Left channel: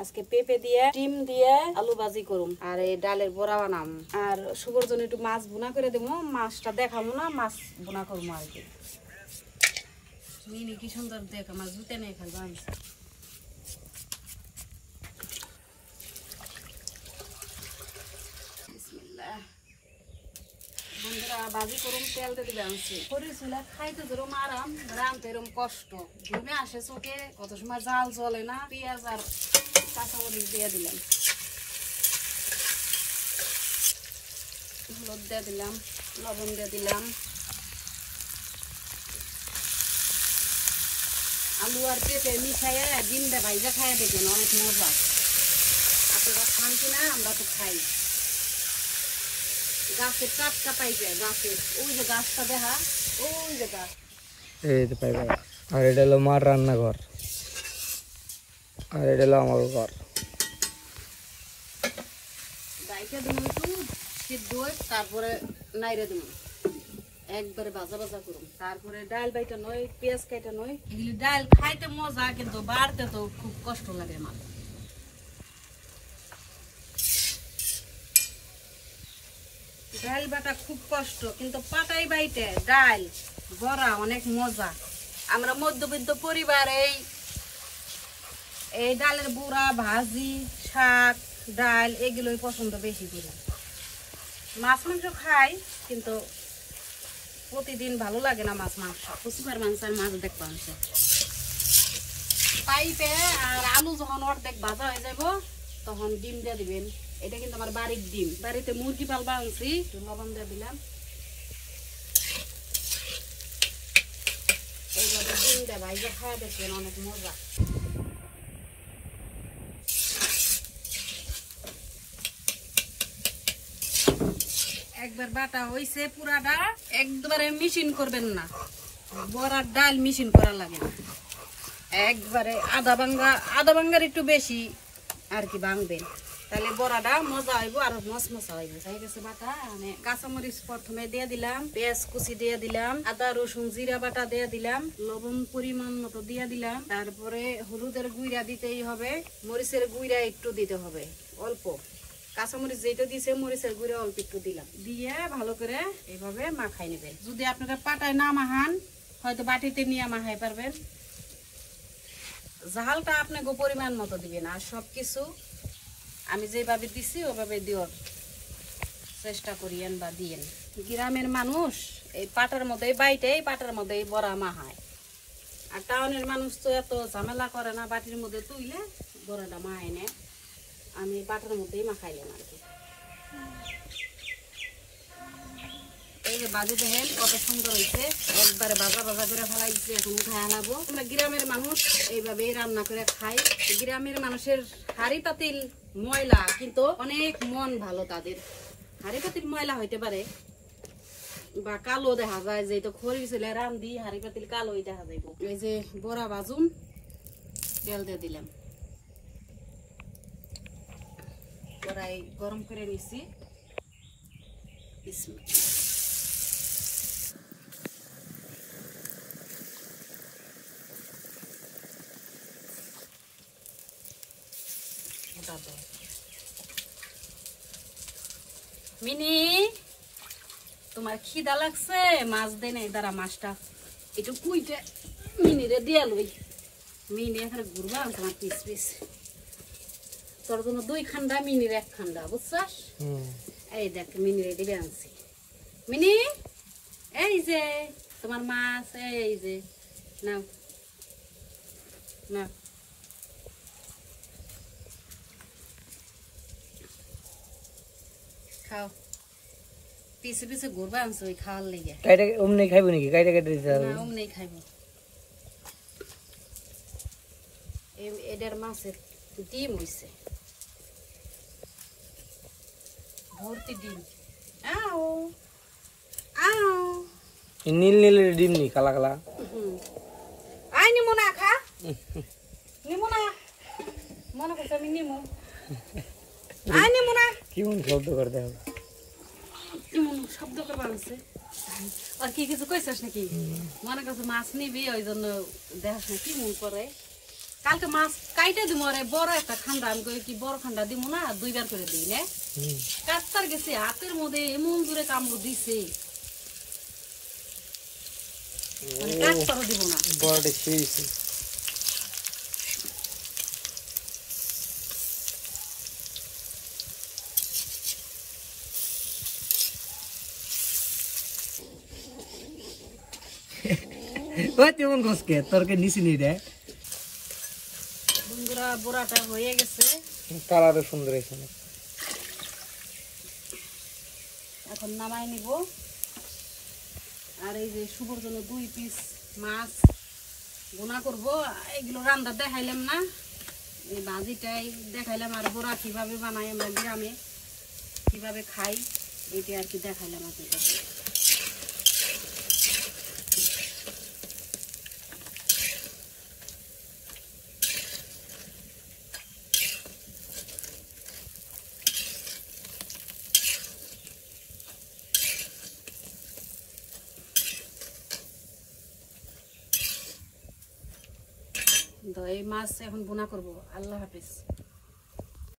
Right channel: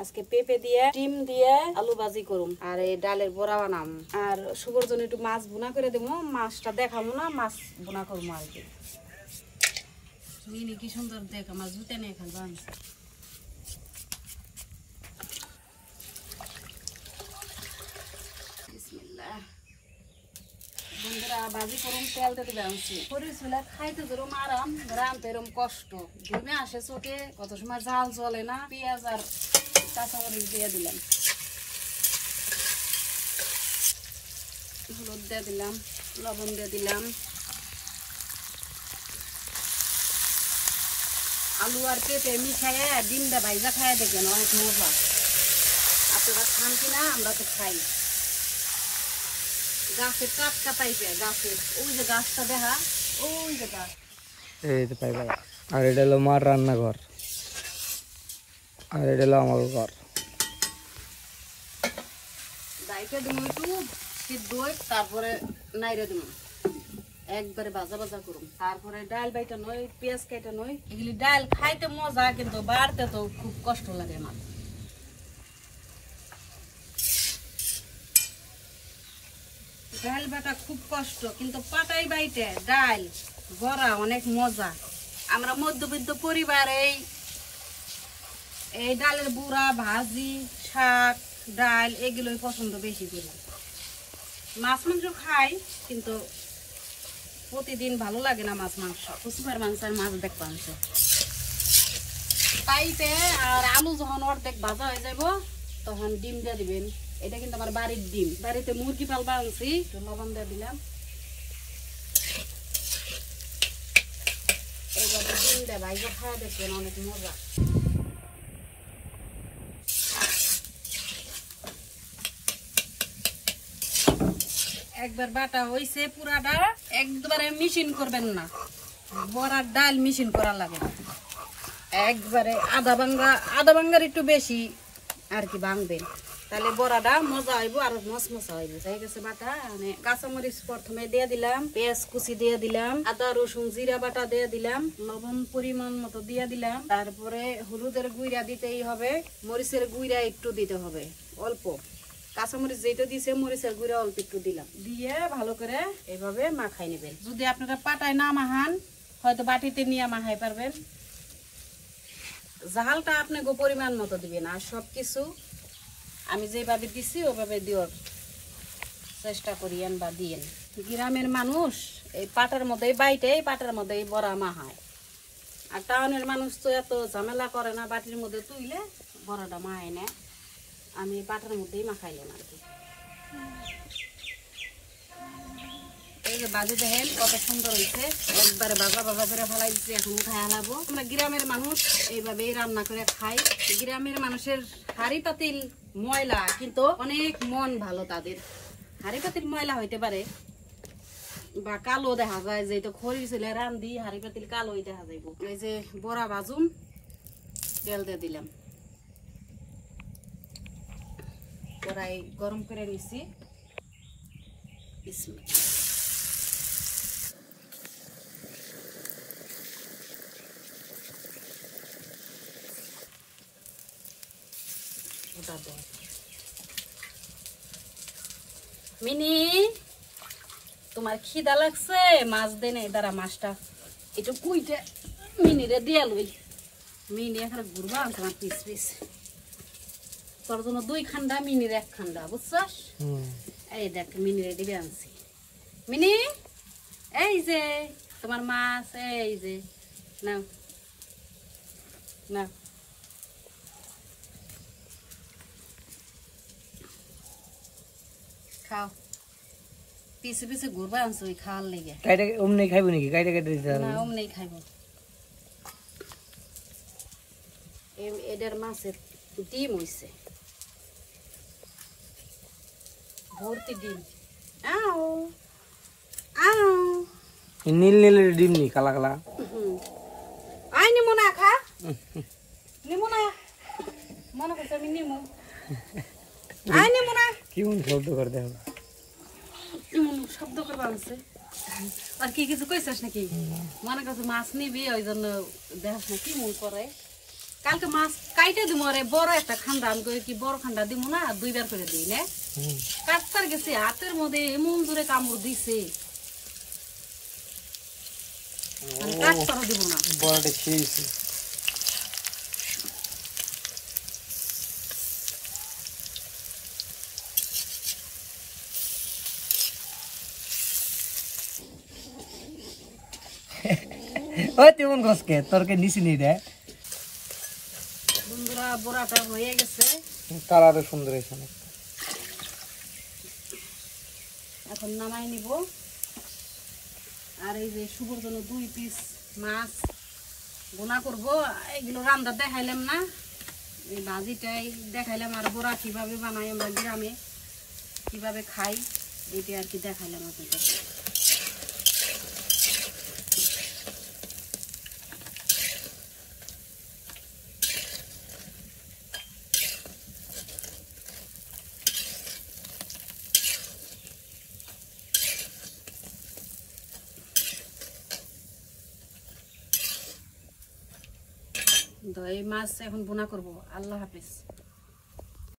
আজকে পেঁপে দিয়ে ডিম দিয়ে আলু ভাজি করুম আর এই ডালের বড়া বানাম আর শুভর জন্য একটু মাছ ভুনা করে দেবো মাছটা দেখাবো না মাছ ভুনা করবো আর কি মিনি কি সুন্দর দেখ আমার জুতে নিয়ে ফেলবো আমি বন্ধুরা ভাজি করুন তেল দিয়ে দিলে আনছি পরিচুলা খাইতে যেরকম আরাম রামতে এরকম কষ্ট ডিমে আসে চোখে কত সময় জাল চলে না পেঁয়াজ আর কাঁচামরিচ দিয়ে দিলাম হলুদ দিয়ে দিলাম লবণ দিয়ে দিলাম আলু আর পেঁপে মিশাইয়া ডিম দিয়ে ভাইজা খাইয়া দেখবেন অনেক মজা আপনারা খান কিনা আমরা তো খাই গাছের টাটকা টাইপের গাছের ওই যে গাছটা দেখা ওই যে গাছ এই তো পাইবা আর এটা হলো মার রান্নাঘর আর এটা হলো আমার ঘর দাইতে দিন একটু সিদ্ধ তারপরে নাইরে দিন একবারে ভাজা ভাজা করুন তারপরে ডাল বাইটা নয় পেঁয়াজ কেটে নয় এগুলি ডাল খাইতে মজা কিন্তু বাড়তে তো খুব কষ্ট লাগে আমার ডাল বাটা খুব কষ্ট কিন্তু পাটাই বাইতে ডাল বড়া অনেক মজা আমরা মধ্যবিত্ত পরিবার এই ডালের বুড়া ভাজি শাক ডাল এগুলোই পছন্দ বেশি করি মাছ মাংস খাই কিন্তু প্রতিদিন ভালো লাগে না মাছ মাংস সুপার মাংস আর মাছ দেখতে আনছে পাইপে আর আলু যখন অর্ধেক ভাজা হয়ে যাব তখন ডিম দিয়ে দিবেন এটা কিন্তু আমার বাড়ির ডিম বাড়িতে মুরগি পালবা আনছি লবণ দিয়ে দিলাম এইভাবে ডিমটা ভাইজা খাওয়া দেখবেন অনেক মজা একবার বাটা হয়েছে পুরাটা একবারে মিশিন করবেন না বড়ার ডাল মিশিন করা লাগে না একবারে আধা ভাঙ্গার একটু বেশি আর কি ভাঙবেন তাহলে বড়াটা মজা হইব আর মশমশা হইব হয়ে গেছে বাটা মানে কাঁচামরিচ প্রথমে দিয়ে দিলাম পেঁয়াজ কুচি দিয়ে দিলাম আদা রসুন জিরা বাটা দিয়ে দিলাম লবণ পরিমাণ মতো দিয়ে দিলাম তারপরে হলুদের গুঁড়া দিতেই হবে মরিচের গুঁড়া একটু দিতে হবে অল্প কাঁচামরিচ যেটা দিছে মরিচের গুঁড়া অল্প একটু দিলাম দিয়ে ভালো করে এইভাবে মাখাই নেবেন যদি আপনারা পাটায় না মাখান হয়তো বাটিতে নিয়ে মাখাই পারবেন ঝালটা আপনি পরিমাণ মতো দিবেন আর সবকিছু আমি যেভাবে দিছি ওইভাবে দেওয়ার চেষ্টা করিয়েন বা দিয়েন গ্রামের মানুষ এই পাটার মধ্যে বাইটে পাটার মধ্যে বড়া মাহায় আর টাউনের মানুষ তো এত ঝামেলা করে না বাটির মধ্যে তুইলে বড়াটা মাহায় না আমি পাটার মধ্যেই মাখাইলাম আর কি এই যে বাজে দেখেন কত সুন্দর হয়েছে একবারে বাবা করে ফেলা দিচ্ছি এখন খাই আনাবো আমরা গ্রামের মানুষ এইভাবেই রান্না করে খাই গ্রামের মানুষের হাড়ি পাতিল ময়লা কিন্তু অনেক মন ভালো তাদের হাড়ি পাতিল ময়লা হইতে পারে বা কালো দেখা যায় যে তো খড়ি ছিল রান্ধি হাড়ি পাতিল কালোই দেখা যাইব এই যে বড়া ভাজুন তেল দিয়ে দিলাম কড়াই গরম করে নিছি মিনি তোমার খিদা লাগছে মাছ দেনে দাঁড়া মাছটা একটু কুইটা মিনিরে দিয়ে লই মিনি এখানে ঘুরবা তোমার পিস পিস তোর জন্য 2 খান্ডা মিনির 1 খান্ডা বুঝছস এই দেখ মিনিরে দিবে আনছি মিনি এই যে তোমার মাছ এই যে নাও না খাও পিছে পিছে ঘুরবা আনছো ওই খাওয়ার লেগে কাইটা অমনি খাইবো নাকি কাইটা কাইটা দিতে হবে না অমনি খাইবো এদের মাছের ডিম হইছে ভর্তি ডিম আও আও নীল নীলের ডিম নি কালা কালা আই নিমু না খা নিমু না মনে করতে আমি নিমু আই নিমু না কেমন শব্দ করতে হবে শব্দ করবা আছে আর কি কিছু কইছস নাকি মনে করছে মাছ নিবি ওই জন্য দেখাস না কি মন করে কালকে মাছ কাইটে দিব রে বড় একটা খান্ডা আমি কই কি বড় খান্ডা দিব না 2 বার করে দিই না কাজ করে গেছে হাতের মধ্যে এমন দূরে কামড় দিছে কাজ করে দিব না বড়টা খেয়েছি ওই তেমন গছকে তোরকে নিচে নিয়ে দেয় বন্ধুরা বড়াটা হয়ে গেছে তার আরো সুন্দর হয়েছে না এখন নামাই নিব আর এই যে শুভর জন্য 2 পিস মাছ ভুনা করব এগুলো রান্না দেখাইলাম না এই ভাজিটা দেখাইলাম আর বড়া কিভাবে বানাই আমরা গ্রামে কিভাবে খাই এটা আর কি দেখাইলাম আপনাদের তো এই মাছ এখন ভুনা করব আল্লাহ হাফেজ